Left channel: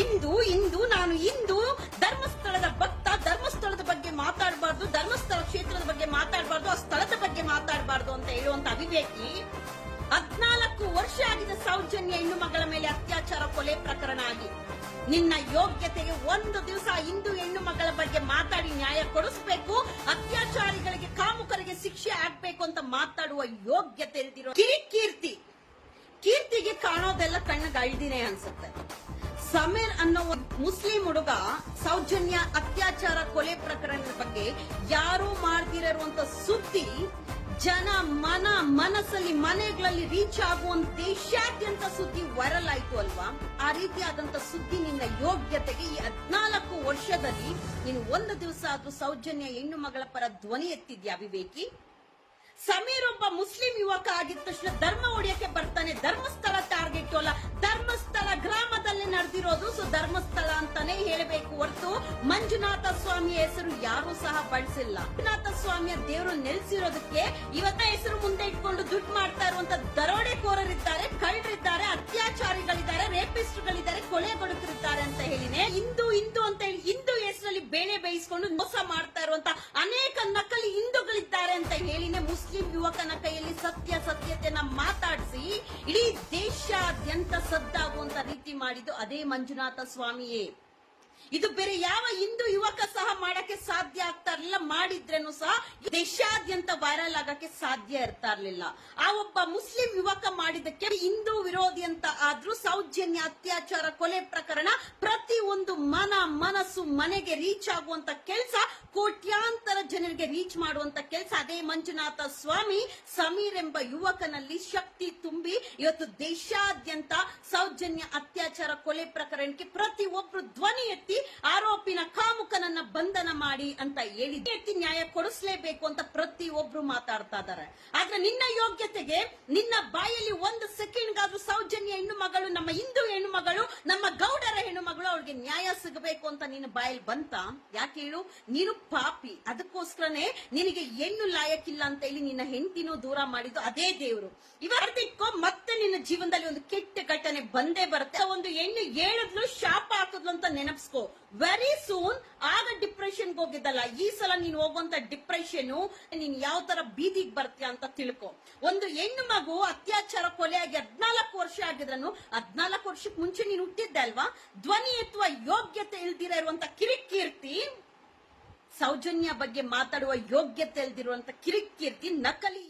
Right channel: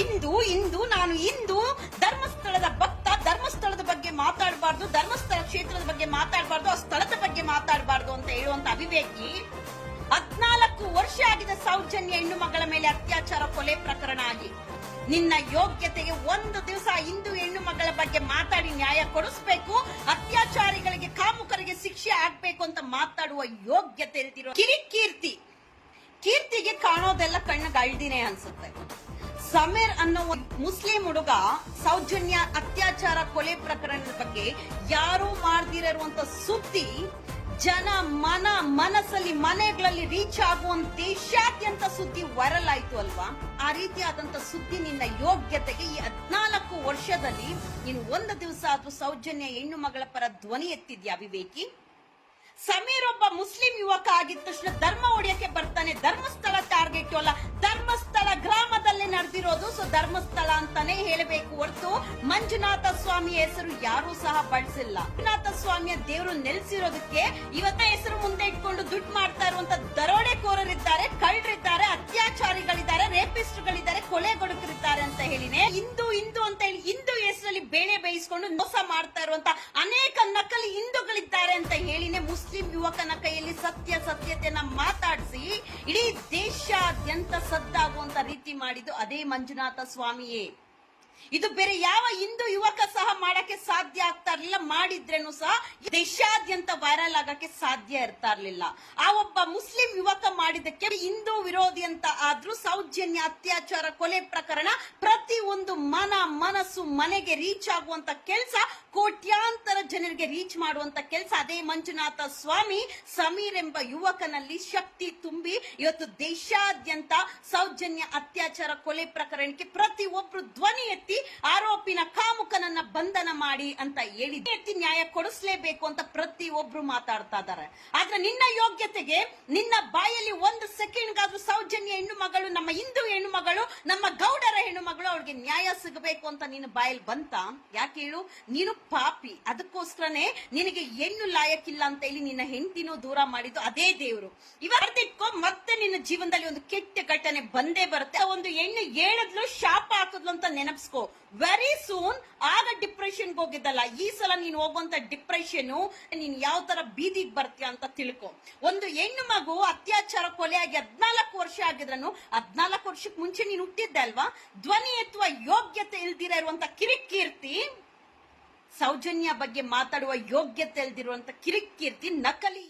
ಇಂದು ಇಂದು ನಾನು ಇಂದು ಧರ್ಮಸ್ಥಳದ ಭಕ್ತ, ಧರ್ಮಸ್ಥಳದ ಬಗ್ಗೆ ಮಾತಾಡಬಾರ್ದು, ಧರ್ಮಸ್ಥಳ ಕ್ಷೇತ್ರದ ಬಗ್ಗೆ ಮಾತಾಡಬಾರ್ದು, ಆ ಸ್ಥಳದ ಬಗ್ಗೆ ಮಾತಾಡಬಾರ್ದು ಅಂತ ಹೇಳುವಂತ ಅವಿವೇಕಿ ಹದ್ನಾಲ್ಕು ವರ್ಷ ಆಗಿದೆ ಸೌಜನ್ಯ ಹೆಣ್ಣು ಮಗಳ ಮೇಲೆ ಅತ್ಯಾಚಾರ ಕೊಲೆ ಪ್ರಕರಣ ಆಗಿ. ನಿನ್ನ ಯೋಗ್ಯತೆಗೆ ಒಂದು ದಿವಸ ಹಿಂದೂ ಹೆಣ್ಣು ಮಗಳ ಬಗ್ಗೆ ಮಾತಾಡಿ ನ್ಯಾಯ ಕೊಡಿಸ್ಬೇಕು, ಅತ್ಯಾಚಾರಿಗಳಿಗೆ ಕಾಮುಕರಿಗೆ ಶಿಕ್ಷೆ ಆಗ್ಬೇಕು ಅಂತ ಮಾತಾಡುವ ಯೋಗ್ಯತೆ ಇಲ್ದಿರೋ ಕಿರಿಕೀರ್ತಿ ಕೀರ್ತಿಗೆ ಕಾಣೋದೆಲ್ಲ ಕಣ್ಣಿಗೆ ಅನ್ಸುತ್ತೆ. ಸಮೀರ್ ಅನ್ನೋ ಮುಸ್ಲಿಂ ಹುಡುಗ ಸೌಜನ್ಯ ಅತ್ಯಾಚಾರ ಕೊಲೆ ಪ್ರಕರಣದ ಬಗ್ಗೆ ಯಾರು ಮಾಡ್ದಿರುವಂತ ಸುದ್ದಿ ಜನ ಮನ ಮನಸ್ಸಲ್ಲಿ ಮನೆಗಳಲ್ಲಿ ರೀಚ್ ಆಗುವಂತ ದೇಶಾದ್ಯಂತ ಸುದ್ದಿ ವೈರಲ್ ಆಯ್ತು ಅಲ್ವಾ? ಆ ರೀತಿಯಾದಂತ ಸುದ್ದಿ ನಿನ್ನ ಯೋಗ್ಯತೆಗೆ ಈ ಹದ್ನಾಲ್ಕು ವರ್ಷದಲ್ಲಿ ನೀನು ಒಂದು ದಿವಸ ಆದ್ರೂ ಸೌಜನ್ಯ ಹೆಣ್ಣು ಮಗಳ ಪರ ಧ್ವನಿ ಎತ್ತಿದ್ಯಾ ವಿವೇಕಿ? ಸಮೀರ್ ಒಬ್ಬ ಮುಸ್ಲಿಂ ಯುವಕ ಆಗಿದ ತಕ್ಷಣ ಧರ್ಮ ಹೊಡೆಯಕ್ಕೆ ಬರ್ತಾನೆ, ಧರ್ಮಸ್ಥಳ ಟಾರ್ಗೆಟ್ ಅಲ್ಲ, ಧರ್ಮಸ್ಥಳ ನಡೆದಿರೋದು. ಸೊ ಧರ್ಮಸ್ಥಳ ಅಂತಾನೆ ಹೇಳಬೇಕು ಹೊರತು ಮಂಜುನಾಥ ಸ್ವಾಮಿ ಹೆಸರು ಯಾರು ಸಹ ಬಳಸಿಲ್ಲ. ಮಂಜುನಾಥ ಸ್ವಾಮಿಯ ದೇವರು ನೆಲೆಸಿರೋದಕ್ಕೆ ಇವತ್ತ ಹೆಸರು ಮುಂದೆ ಇಟ್ಕೊಂಡು ದುಡ್ಡು ಮಾಡ್ತಾ ಇರುವಂತ ದರೋಡೆಕೋರರಿದ್ದಾರೆ, ಕಳ್ಳರಿದ್ದಾರೆ, ಅತ್ಯಾಚಾರಿಗಳಿದ್ದಾರೆ, ರೇಪಿಸ್ಟ್ಗಳಿದ್ದಾರೆ ಕೊಲೆಗೊಡುಕರಿದ್ದಾರೆ ಅಂತ ಹೇಳಿನೇ ಹಿಂದೂ ಹಿಂದೂ ಅಂತ ಹೇಳಿ ಹಿಂದೂ ಹೆಸರಲ್ಲಿ ಬೇಳೆ ಬೇಯಿಸ್ಕೊಂಡು ಮೋಸ ಮಾಡ್ತಾ ಇರುವಂತ ಅನೇಕ ನಕಲಿ ಹಿಂದೂಗಳಿದ್ದಾರೆ ಅಂತ ಹೇಳಿನೇ ಮುಸ್ಲಿಂ ಯುವಕನ ಕೈಯಲ್ಲಿ ಸತ್ಯ ಸತ್ಯತೆಯನ್ನ ಮಾತಾಡಿಸಿ ಇಡೀ ದೇಶಾದ್ಯಂತ ಸದ್ದಾಗುವಂತ ರೀತಿ ಮಾಡಿದ್ದು ಅದೇ ಮಂಜುನಾಥ ಸ್ವಾಮಿಯೇ? ಇದು ಬೇರೆ ಯಾವ ಹಿಂದೂ ಯುವಕ ಸಹ ಮಾಡಕ್ಕೆ ಸಾಧ್ಯ ಆಗ್ತಾ ಇರ್ಲಿಲ್ಲ. ಮಾಡಿದ್ರೇನು ಸಹ ದೇಶಾದ್ಯಂತ ವೈರಲ್ ಆಗಕ್ಕೆ ಸಾಧ್ಯ ಇರ್ತಾ ಇರ್ಲಿಲ್ಲ. ಆ ಒಬ್ಬ ಮುಸ್ಲಿಂ ಯುವಕ ಮಾಡಿದಕ್ಕೆ ಹಿಂದೂ ವಿರೋಧಿ ಅಂತ ಆದ್ರೂ ಸೌಜನ್ಯ, ಅತ್ಯಾಚಾರ, ಕೊಲೆ ಪ್ರಕರಣ ಪ್ರತಿ ಒಂದು ಮನ, ಮನಸ್ಸು, ಮನೆಗೆ ರೀಚ್ ಆಗುವಂತ ಕೆಲಸ ಕೋಟ್ಯಾಂತರ ಜನರಿಗೆ ರೀಚ್ ಮಾಡುವಂತ ಕೆಲಸ. ಅದೇ ಮಂಜುನಾಥ ಸ್ವಾಮಿ ಸಮೀರ್ ಎಂಬ ಯುವಕನಲ್ಲಿ ಶಕ್ತಿ ತುಂಬಿ ಇವತ್ತು ದೇಶಾದ್ಯಂತ ಸೌಜನ್ಯ, ಅತ್ಯಾಚಾರ, ಕೊಲೆ ಪ್ರಕರಣಕ್ಕೆ ಪ್ರತಿ ಒಬ್ರು ಧ್ವನಿ ಎತ್ತಿ ಆರೋಪಿನ ಕಾಮುಕನನ್ನ ಬಂಧನ ಮಾಡಿ ಅಂತ ಹೇಳಿ ಎತ್ತಿ ನ್ಯಾಯ ಕೊಡಿಸ್ಲೇಬೇಕು ಅಂತ ಪ್ರತಿ ಒಬ್ರು ಮಾತಾಡ್ತಾ ಇದ್ದಾರೆ. ಆದ್ರೆ ನಿನ್ನ ಯೋಗ್ಯತೆಗೆ ನಿನ್ನ ಬಾಯಲ್ಲಿ ಒಂದು ಸೆಕೆಂಡ್ಗಾದ್ರೂ ಸೌಜನ್ಯ ಹೆಣ್ಣು ಮಗಳು ನಮ್ಮ ಹಿಂದೂ ಹೆಣ್ಣು ಮಗಳು ನಮ್ಮ ಗೌಡರ ಹೆಣ್ಣು ಮಗಳು ಅವಳಿಗೆ ನ್ಯಾಯ ಸಿಗಬೇಕು ಅಂತ ನಿನ್ನ ಬಾಯಲ್ಲಿ ಬಂತ? ಯಾಕೆ ಹೇಳು? ನೀನು ಪಾಪಿ. ಅದಕ್ಕೋಸ್ಕರನೇ ನಿನಗೆ ಹೆಣ್ಣು ಲಾಯಕ್ಕಿಲ್ಲ ಅಂತ ಹೇಳಿ ನಿನ್ನ ಹೆಂಡತಿನೂ ದೂರ ಮಾಡಿದ್ದು ಅದೇ ದೇವರು. ಇವತ್ತಿಟ್ಕೋ ಮತ್ತೆ ನಿನ್ನ ಜೀವನದಲ್ಲಿ ಒಂದು ಕೆಟ್ಟ ಘಟನೆ ಬಂದೇ ಬರುತ್ತೆ. ಒಂದು ಹೆಣ್ಣು ಹೇಳಿದ್ಲು, ಶಾಪ ಹಾಕಿದ್ಲು ಅಂತ ನೆನಪಿಸ್ಕೋ. ವೆರಿ ಸೂನ್ ಆಗ ಡಿಪ್ರೆಷನ್ಗೆ ಹೋಗಿದ್ದಲ್ಲ. ಈ ಸಲ ನೀನು ಹೋಗುವಂತ ಡಿಪ್ರೆಷನ್ ನೀನ್ ಯಾವ ತರ ಬೀದಿಗೆ ಬರ್ತೀಯ ಅಂತ ತಿಳ್ಕೊ. ಒಂದು ಹೆಣ್ಣು ಮಗು ಅತ್ಯಾಚಾರ ಕೊಲೆಯಾಗಿ ಹದ್ನಾಲ್ಕು ವರ್ಷ ಆಗಿದ್ರನು, ಹದ್ನಾಲ್ಕು ವರ್ಷಕ್ಕೆ ಮುಂಚೆ ನೀನು ಹುಟ್ಟಿದ್ದೆ ಅಲ್ವಾ? ಧ್ವನಿ ಎತ್ತುವ ಯೋಗ್ಯತೆ ಇಲ್ದಿರ ಇರುವಂತ ಕಿರಿಕೀರ್ತಿ, ಸೌಜನ್ಯ ಬಗ್ಗೆ ಮಾತಾಡುವ ಯೋಗ್ಯತೆ ಇಲ್ದಿರುವಂತ ಕಿರಿಕೀರ್ತಿ ನಕಲಿ